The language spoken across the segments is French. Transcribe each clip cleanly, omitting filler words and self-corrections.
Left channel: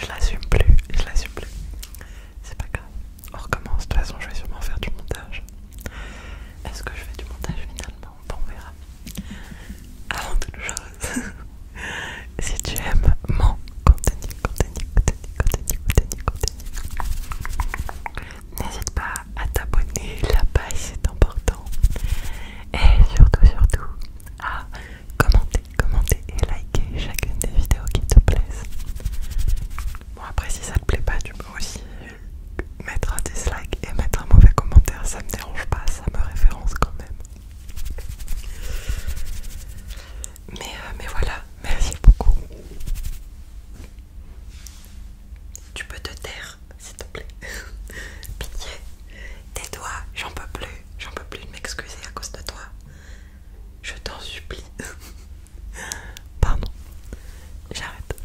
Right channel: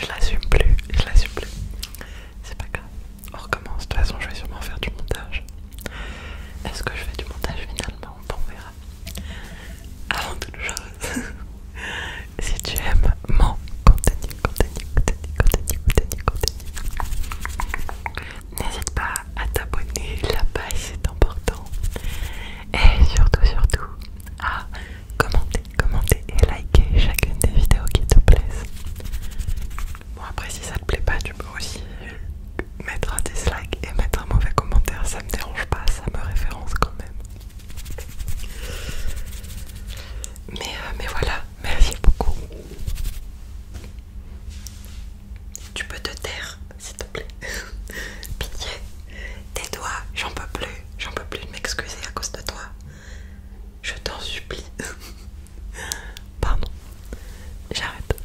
je l'assume plus, je l'assume plus. C'est pas grave, on recommence. De toute façon, je vais sûrement faire du montage. Est-ce que je fais du montage finalement? Bon, on verra. Avant toute chose, si tu aimes mon contenu, n'hésite pas à t'abonner, la page c'est important. Et surtout, à commenter et liker chacune des vidéos qui te plaisent. Bon, après, si ça te plaît pas, tu peux aussi mettre un dislike et mettre un mauvais commentaire, ça me dérange pas, ça me référence quand même. Mais voilà, merci beaucoup. Tu peux te taire, s'il te plaît. Pitié, tais-toi, j'en peux plus de m'excuser à cause de toi. Je t'en supplie. Pardon, j'arrête.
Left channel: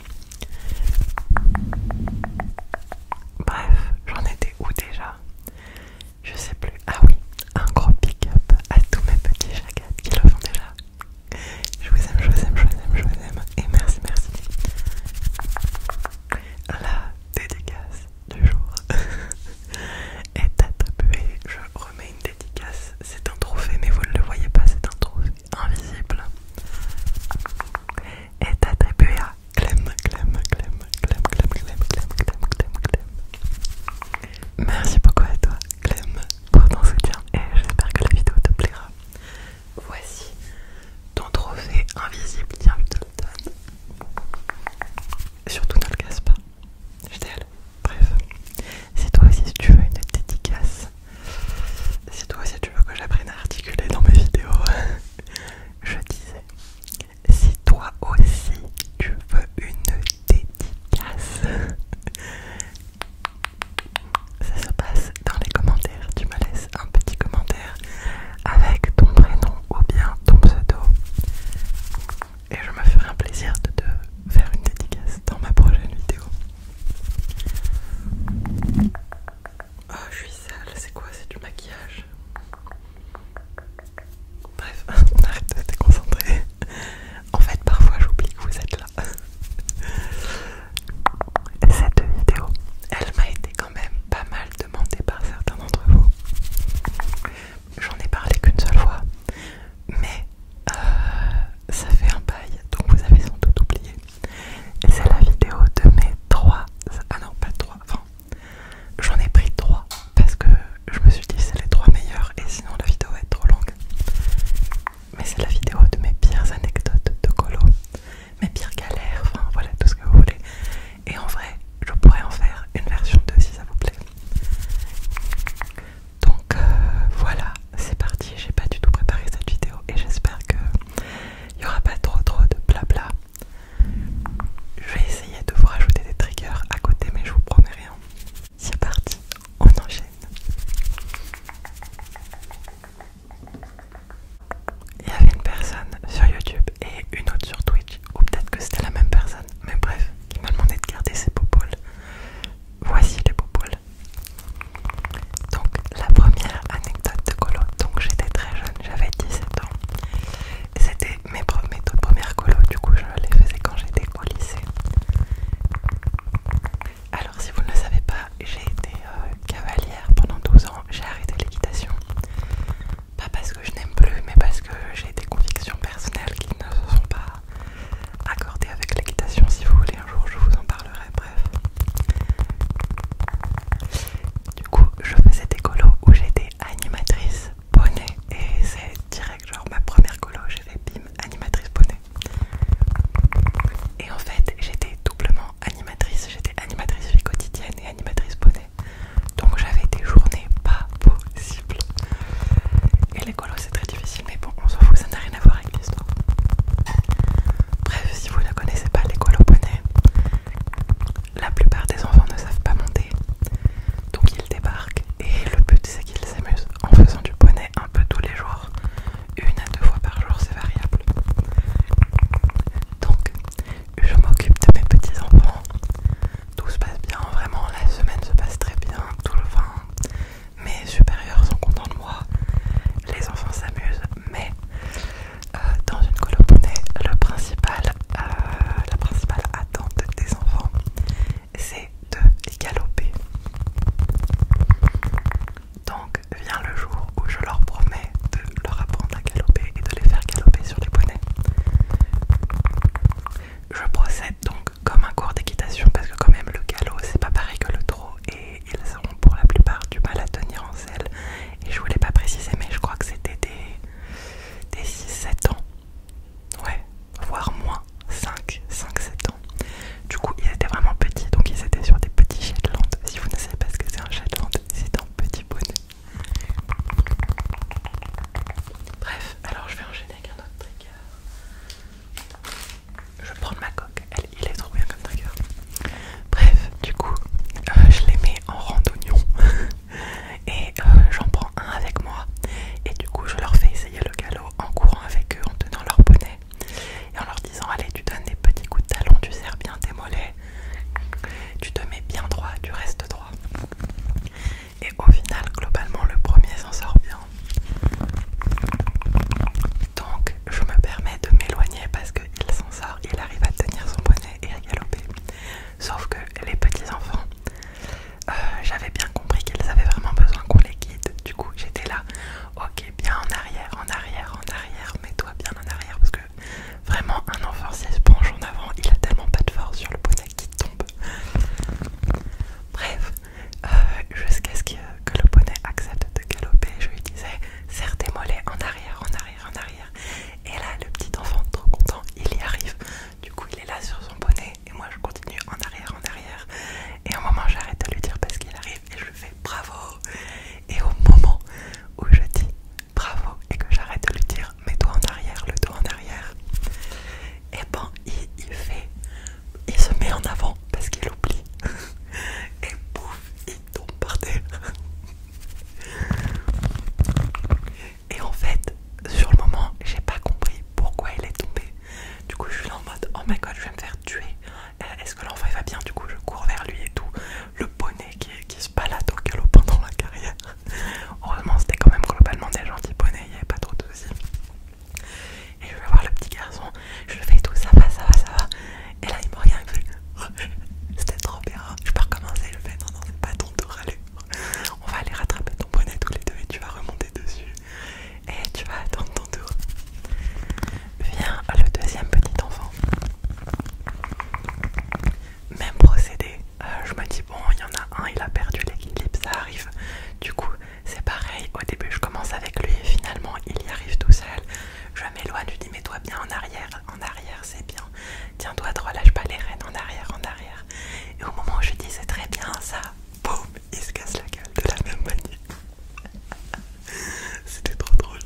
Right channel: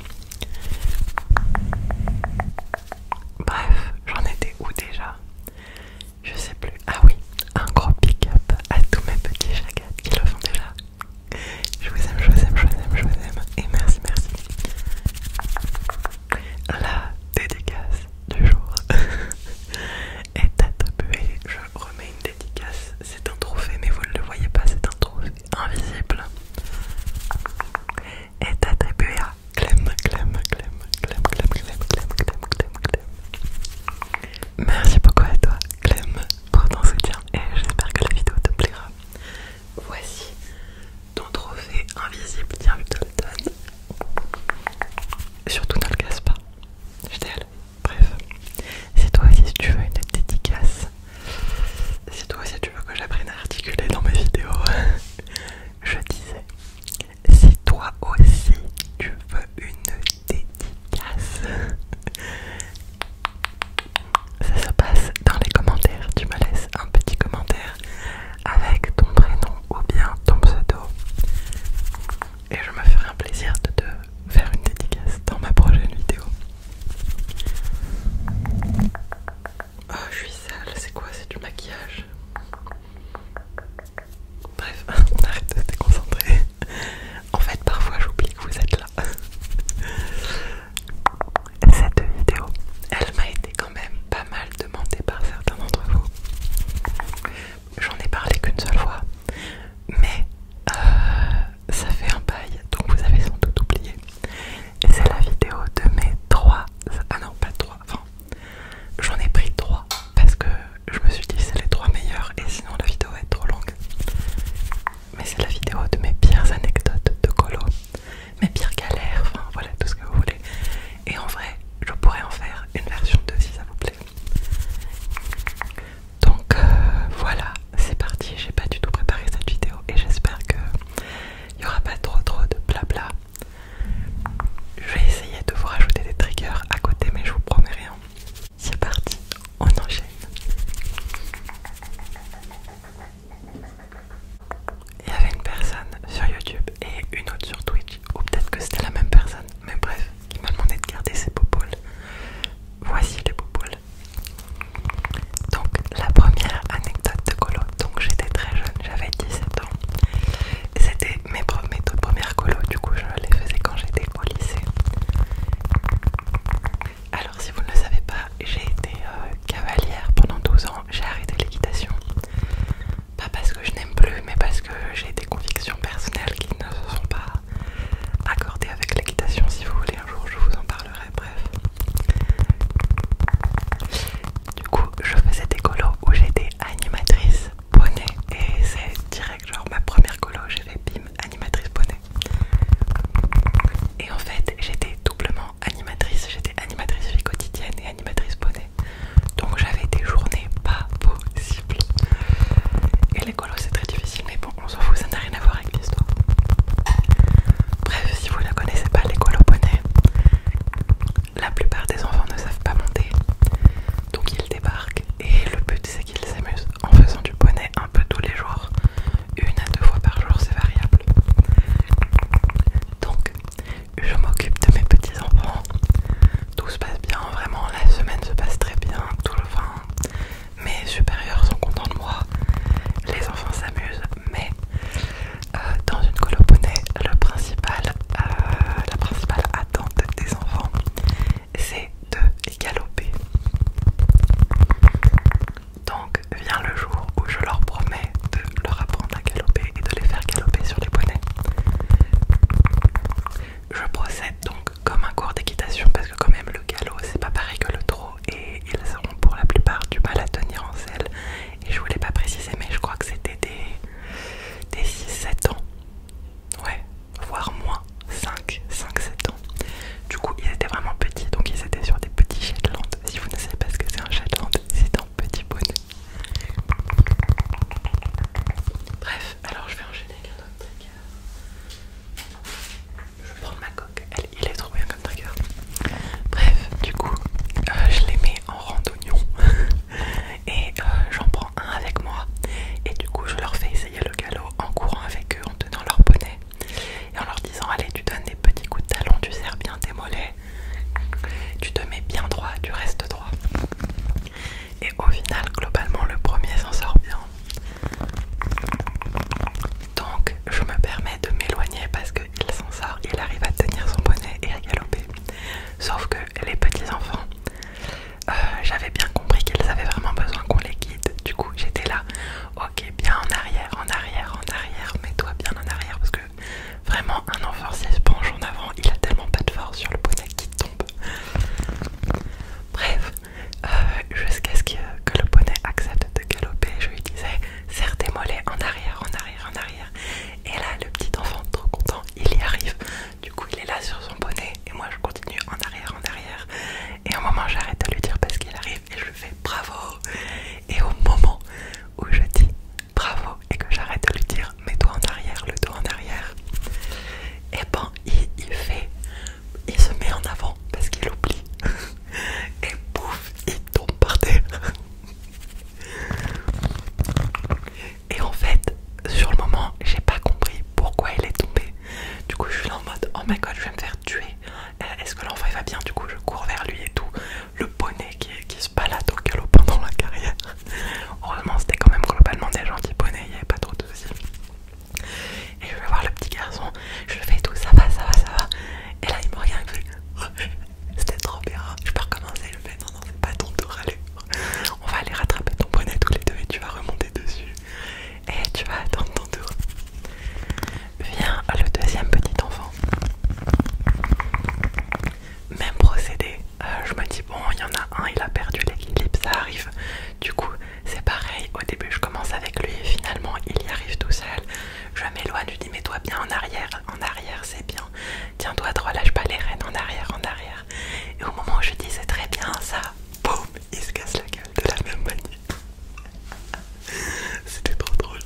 Bref, j'en étais où déjà? Je sais plus. Ah oui, un gros pick up à tous mes petits chagats qui le font déjà. Je vous aime et merci. La dédicace il a perdu l'équilibre, ça arrive. Du coup, c'est pareil, au début je commence avec lui et finalement il y arrive tout seul. Je m'éloigne, je dis mets-toi bien en arrière c'est bien. Tiens-toi droit, lâche pas les rênes, en arrière. Et au moment où je dis c'est très bien ça, boum, il se casse la gueule de la même manière. C'était trop drôle.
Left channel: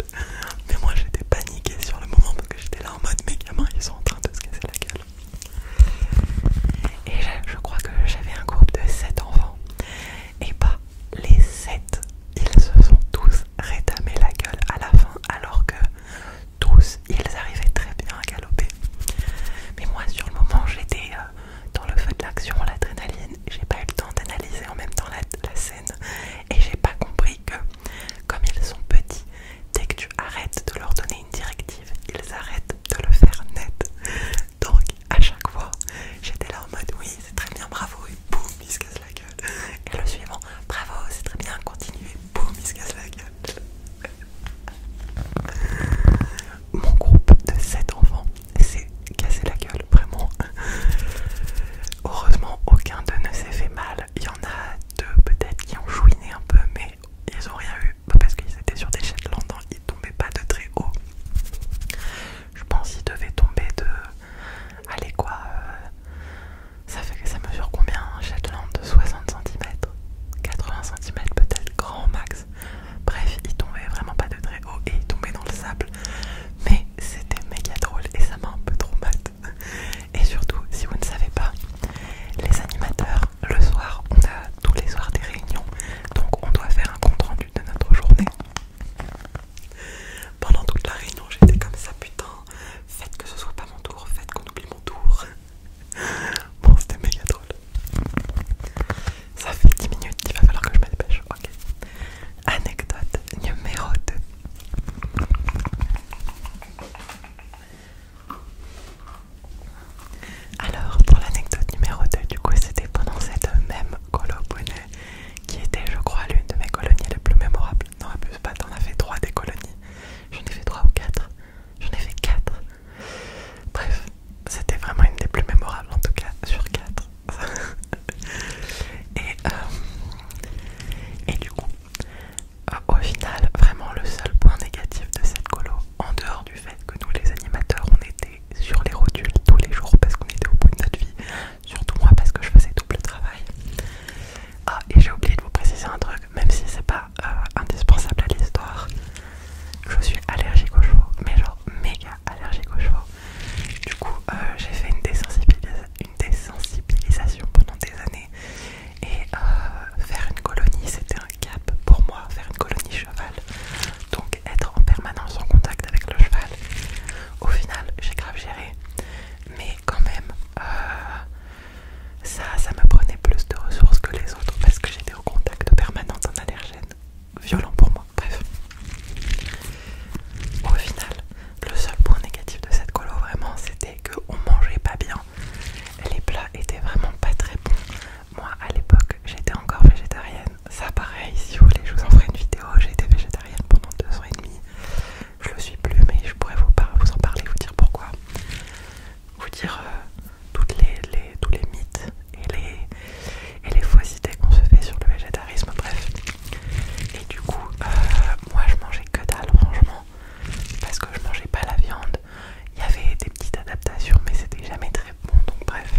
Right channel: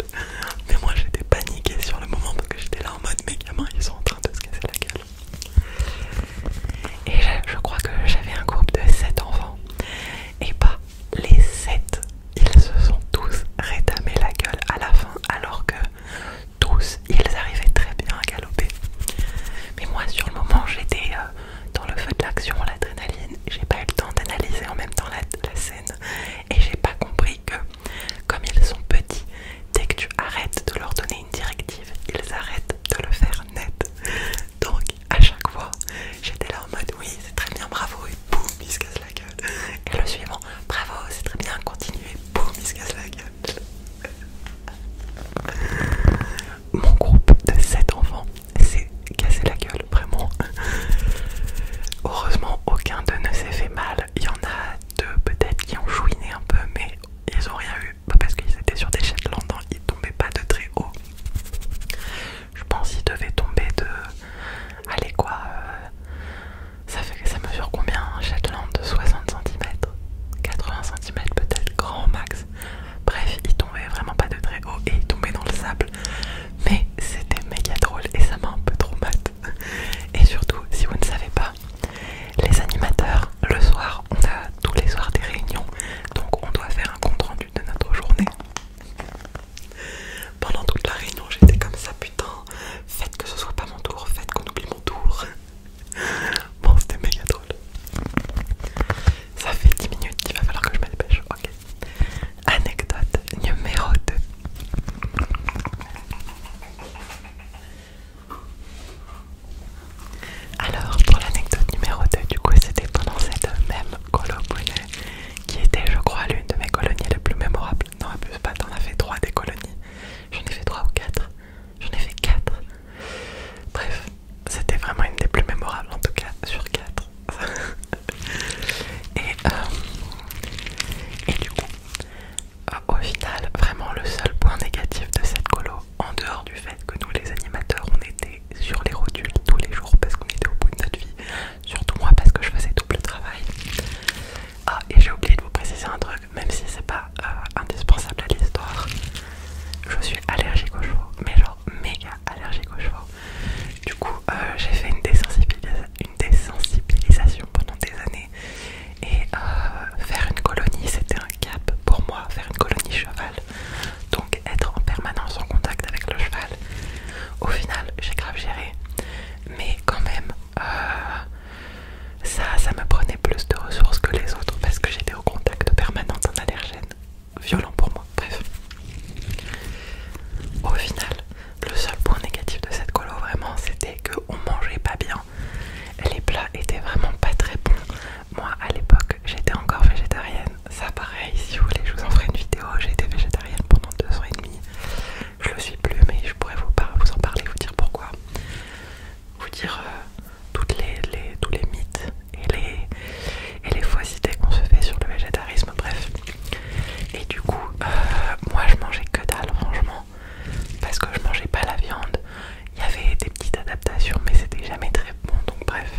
Mais moi j'étais paniquée sur le moment parce que j'étais là en mode mes gamins ils sont en train de se casser la gueule. Et je crois que j'avais un groupe de 7 enfants. Et bah les 7, ils se sont tous rétamés la gueule à la fin alors que tous ils arrivaient très bien à galoper. Mais moi sur le moment j'étais dans le feu de l'action, l'adrénaline, j'ai pas eu le temps d'analyser en même temps la scène et j'ai pas compris que comme ils sont petits, dès que tu arrêtes de leur donner une directive, ils arrêtent de le faire net. Donc à chaque fois j'étais là en mode oui c'est très bien, bravo, et boum il se casse la gueule. Et le suivant, bravo c'est très bien, continuez, boum il se casse la gueule. Mon groupe de 7 enfants s'est cassé la gueule, vraiment. Heureusement aucun d'eux ne s'est fait mal. Il y en a deux peut-être qui ont chouiné un peu, mais ils ont rien eu parce qu'ils étaient sur des Shetland, ils tombaient pas de très haut. Je pense qu'ils devaient tomber de... Allez quoi, ça fait que ça mesure combien un Shetland de 60 cm, 80 cm peut-être, grand max. Bref, ils tombaient vraiment pas de très haut et ils tombaient dans le sable. Mais c'était méga drôle et ça m'a un peu trop mat. Et surtout, si vous ne savez pas, les animateurs, le soir, on a tous les soirs des réunions, donc on doit faire un compte rendu de notre journée. Pendant toute la réunion, j'étais comme ça, putain, faites que ce soit pas mon tour, faites qu'on oublie mon tour. Bon, c'était méga drôle. Ça fait 10 minutes, il va falloir que je me dépêche. Ok. Anecdote numéro 2. Alors, pour l'anecdote numéro 2, du coup, c'était pendant cette même colo Brunet, qui était, je crois, l'une de mes colonies les plus mémorables. Non, abuse pas, t'en as fait 3 des colonies. J'en ai fait 3 ou 4. J'en ai fait 4. Bref, c'était vraiment une des plus mémorables, en tout cas, sur 4. Et du coup, au final, vraiment le seul point négatif de cette colo, en dehors du fait que nous les animateurs, on était sur les rotules tous les jours parce qu'on était au bout de notre vie, surtout moi parce que je faisais double travail. Ah, et j'ai oublié de vous préciser un truc, même si c'est pas indispensable à l'histoire, je suis allergique aux chevaux, mais genre méga allergique aux chevaux. Du coup, j'ai fait une désensibilisation pendant des années et faire une colonie c'était un cap pour moi, faire une colonie cheval, donc être en permanence en contact avec le cheval. Au final j'ai grave géré, mais quand même ça me prenait plus de ressources que les autres parce que j'étais au contact permanent d'un allergène violent pour moi. Bref, au final le seul point négatif de cette colo vraiment c'était qu'on mangeait pas bien. Les plats étaient vraiment pas très bons. Moi à l'époque j'étais encore végétarienne. Ça pareil, si vous voulez je vous en ferai une vidéo. J'ai été végétarienne pendant 2 ans et demi. Je le suis plus mais je pourrais vous en parler, vous dire pourquoi. Vous dire tous les mythes et les fausses idées qu'on se fait sur le végétarisme, bref. Et du coup moi je mangeais que dalle franchement. Parce que je mangeais pas la viande. Il y avait des petites adaptations mais c'était jamais très bon, donc bref.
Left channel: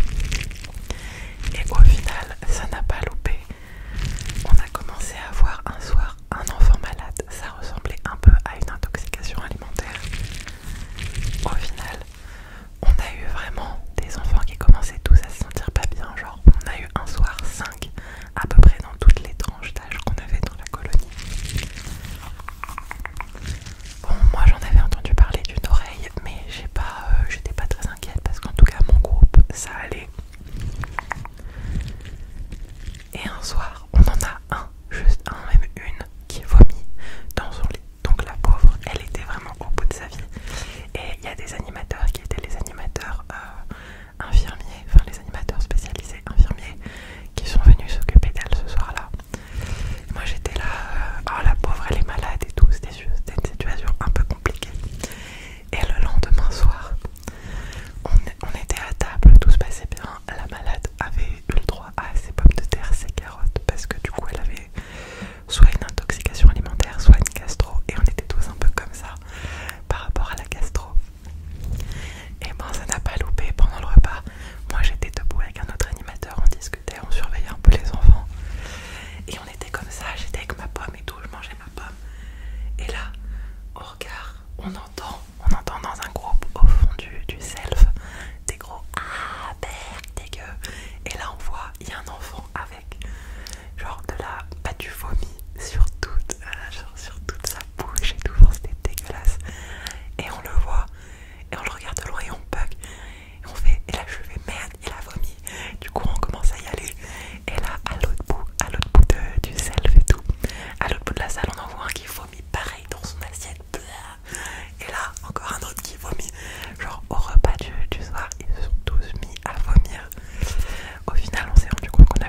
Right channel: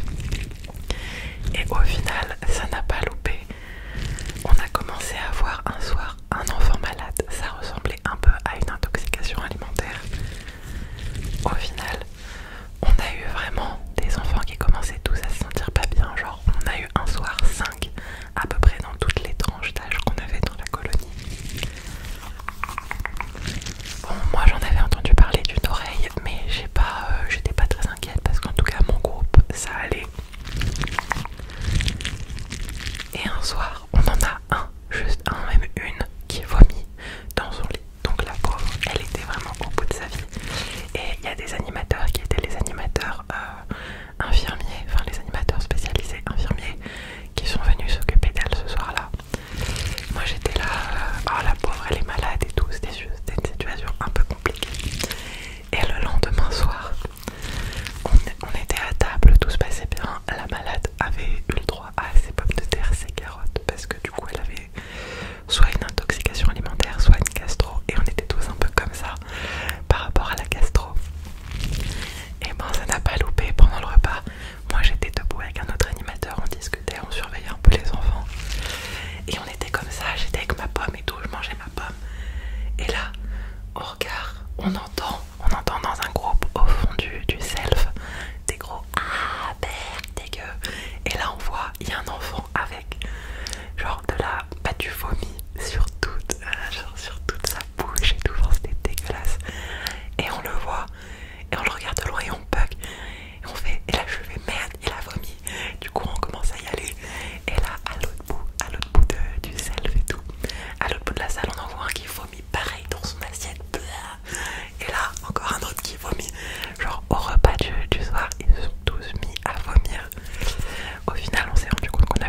Et au final ça n'a pas loupé. On a commencé à avoir un soir un enfant malade. Ça ressemblait un peu à une intoxication alimentaire. Au final on a eu vraiment des enfants qui commençaient tous à se sentir pas bien. Genre on a eu un soir 5 à peu près dans toutes les tranches d'âge qu'on avait dans la colonie. Bon, moi j'en avais entendu parler d'une oreille, mais j'étais pas très inquiète parce qu'en tout cas mon groupe ça allait. Et un soir, on en a juste un, même une, qui vomit dans son lit. Donc la pauvre, elle était vraiment au bout de sa vie. Et il y a des animateurs qui étaient les animateurs infirmiers, enfin les animateurs spécialisés infirmiers, qui sont venus s'occuper d'elle ce soir-là. Moi j'étais là, oh la pauvre elle est malade et tout, c'était une situation un peu compliquée. Et le lendemain soir, on était à table, tout se passait bien, la malade avait eu le droit à ses pommes de terre, ses carottes, il y a un enfant avec genre de la du vomi sur toute, genre sur toute sa bouche et tout, genre c'était dégueulasse. Et on le voit et on le regarde de loin et on bug et on fait, et là je fais merde, il a vomi. Du coup on commence à y aller et là à l'autre bout du self et tout, à l'autre bout de la salle on en voit un qui vomit pareil dans son assiette. Et là encore un autre qui vomit. Genre au repas du soir ils se sont tous mis à vomir. Au final on s'est rendu compte qu'on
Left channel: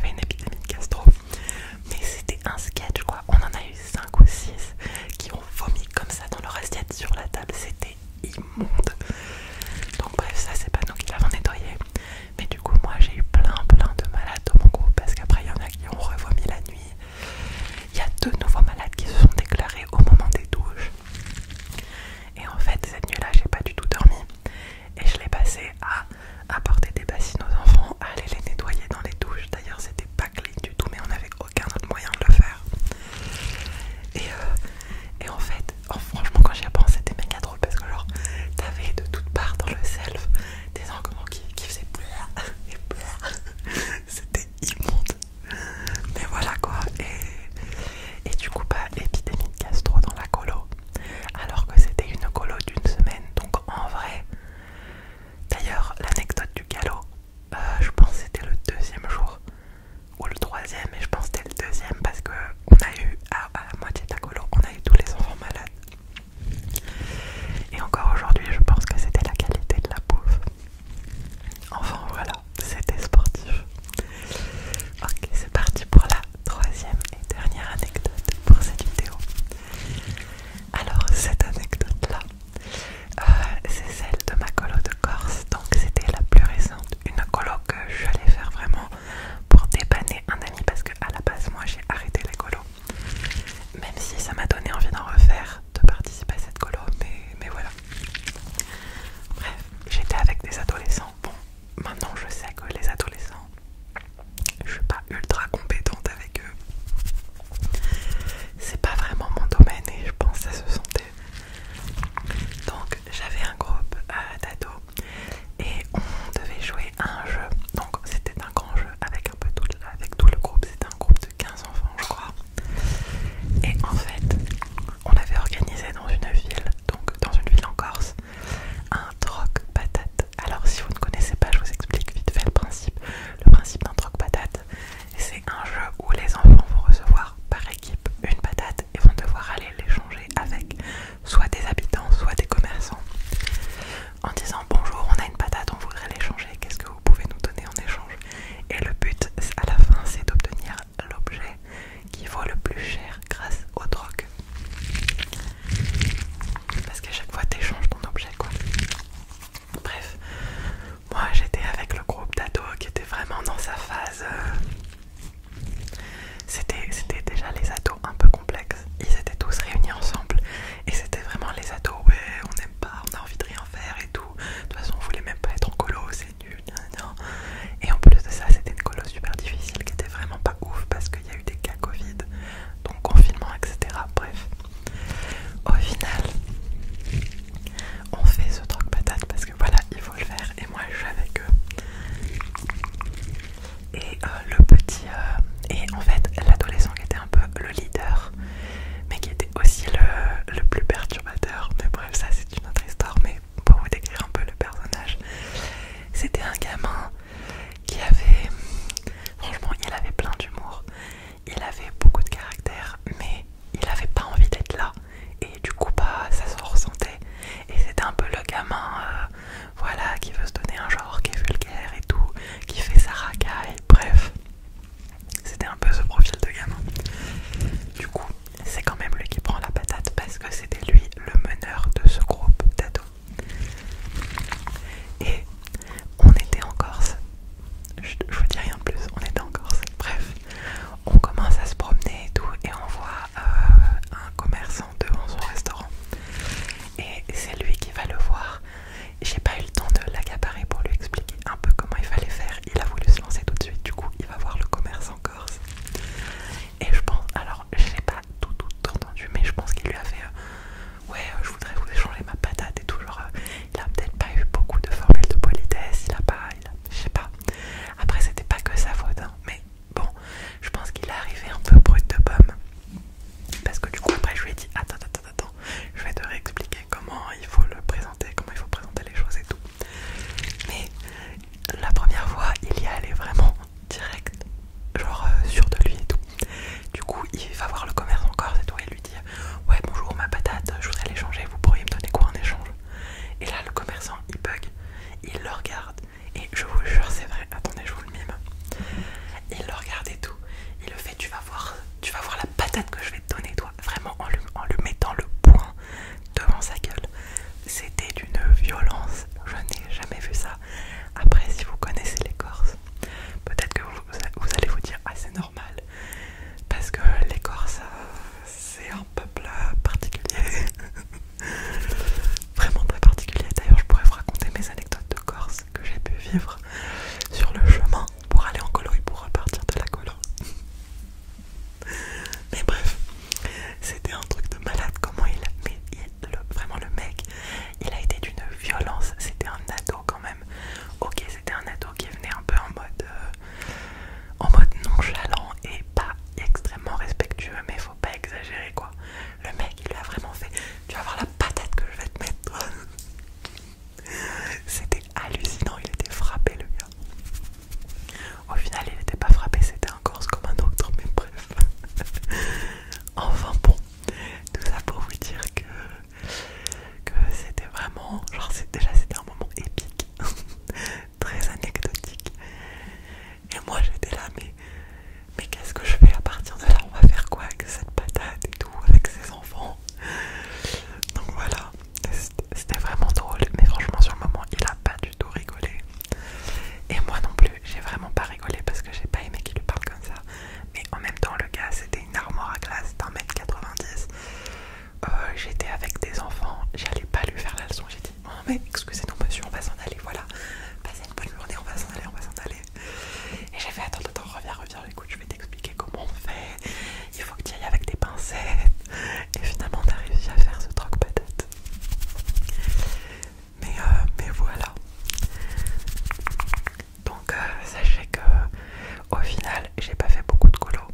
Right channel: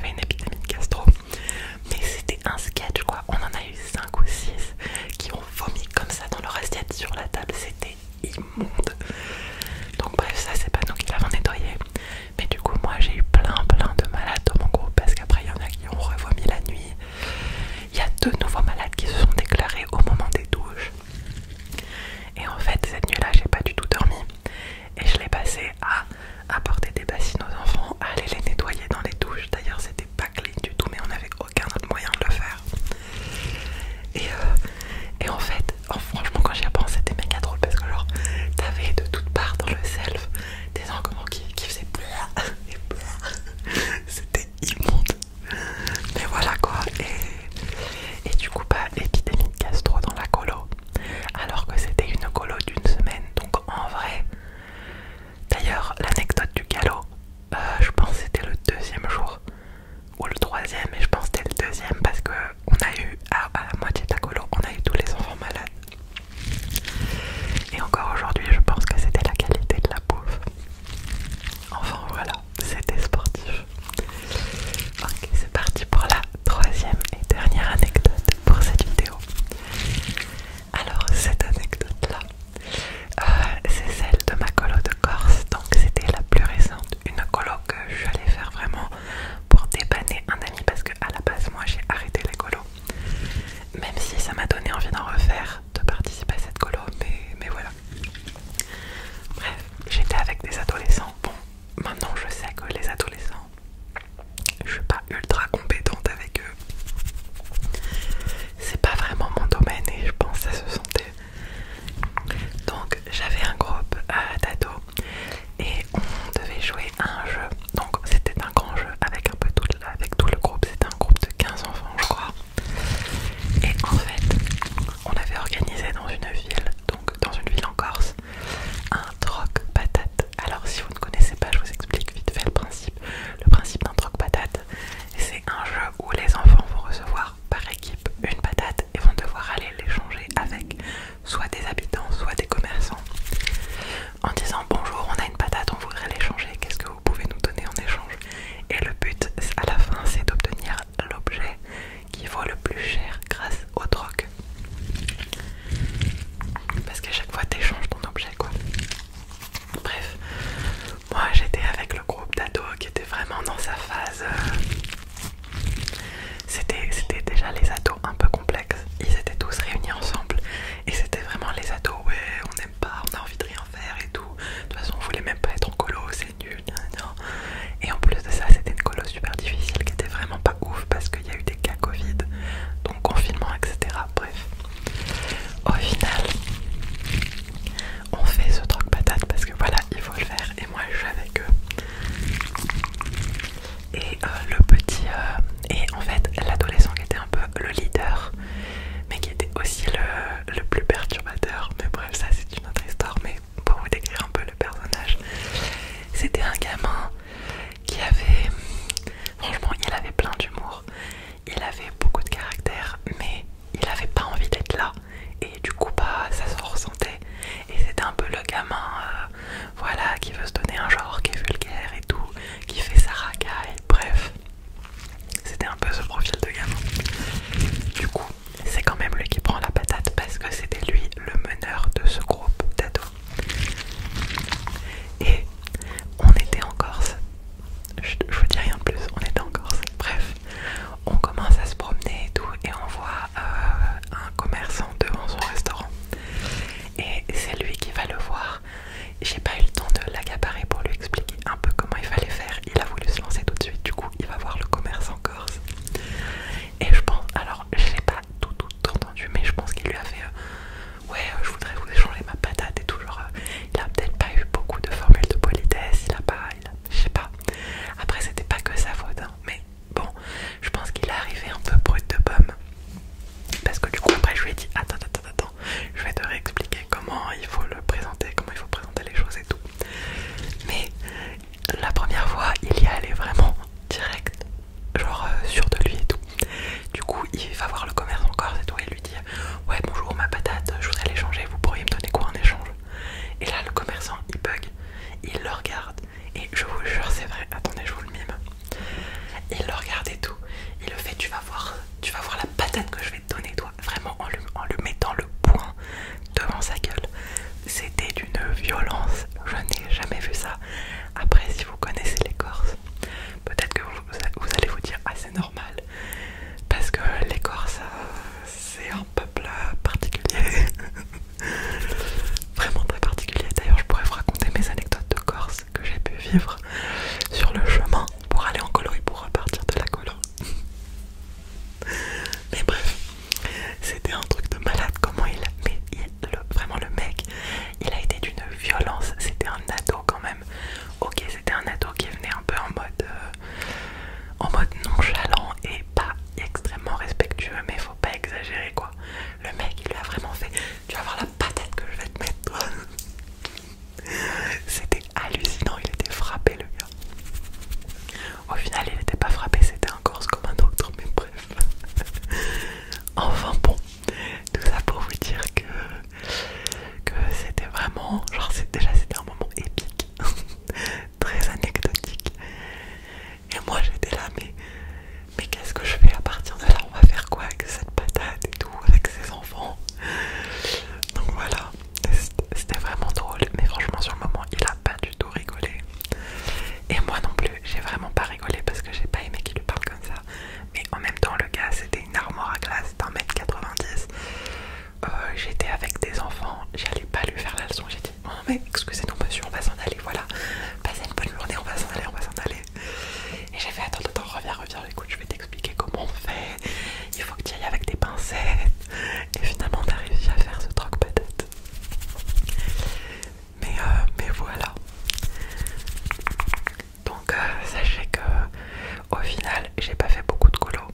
j'ai pas fait beaucoup de colos,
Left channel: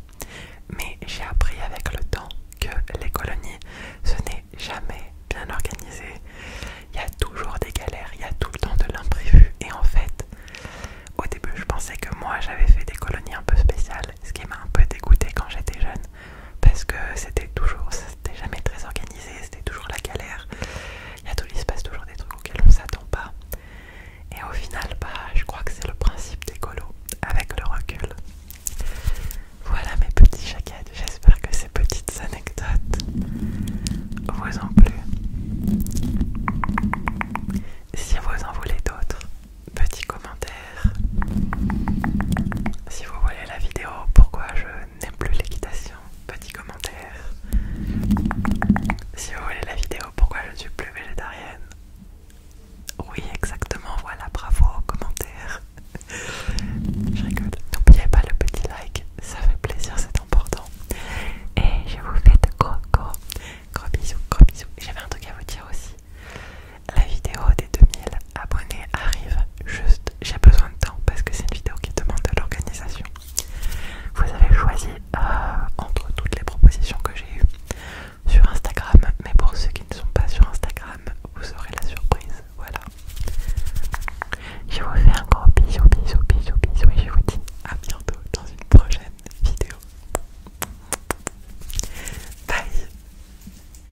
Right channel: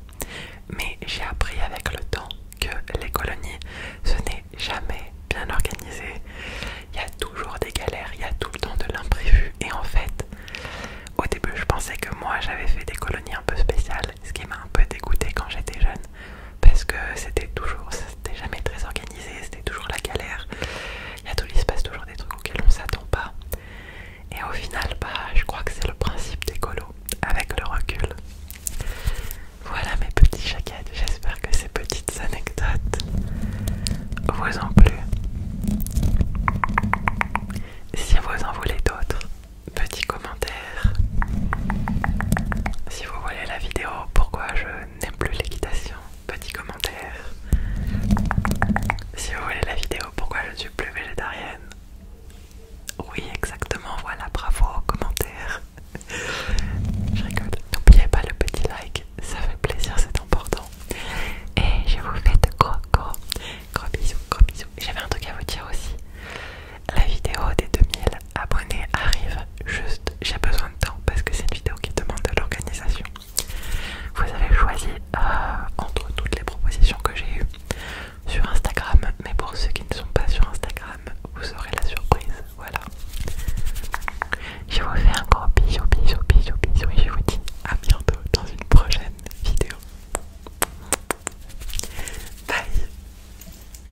mais j'ai appris avec le temps que les colonies, ce n'est jamais bien organisé. Il y a toujours des galères, il y a tout le temps de l'imprévu. Et en fait, au début, je pensais que moi j'avais fait des colonies un peu spéciales, ce qui m'a un peu dégoûté quand j'étais jeune, parce que c'était jamais très organisé, c'était toujours la galère. Il se passe toujours des trucs auxquels on s'attend pas. Et au final, je crois que c'est le principe des colos, avec le recul. Voilà mes petits chaquettes, j'espère que ces petites anecdotes vous ont plu. Si vous en voulez d'autres, petits commentaires. Si vous voulez la vidéo pourquoi je n'aime plus l'équitation, petit commentaire. Si vous voulez la vidéo pourquoi je ne suis plus végétarienne. Oui, exactement, voilà, bravo, commentaire. Je rigole. N'oubliez pas le petit like, ça fait plaisir, c'est important. Et je vous fais de gros bisous, gros bisous. J'avais un truc à vous dire aussi. La vidéo des 2000 abonnés arrive juste, j'ai besoin de temps parce que c'est une vidéo qui demande de l'organisation. Vous avez choisi entre toutes les propositions que j'ai eues sur Instagram, mais pour ceux qui ne sont pas sur Instagram, vous aurez la surprise, voilà. Je vous fais un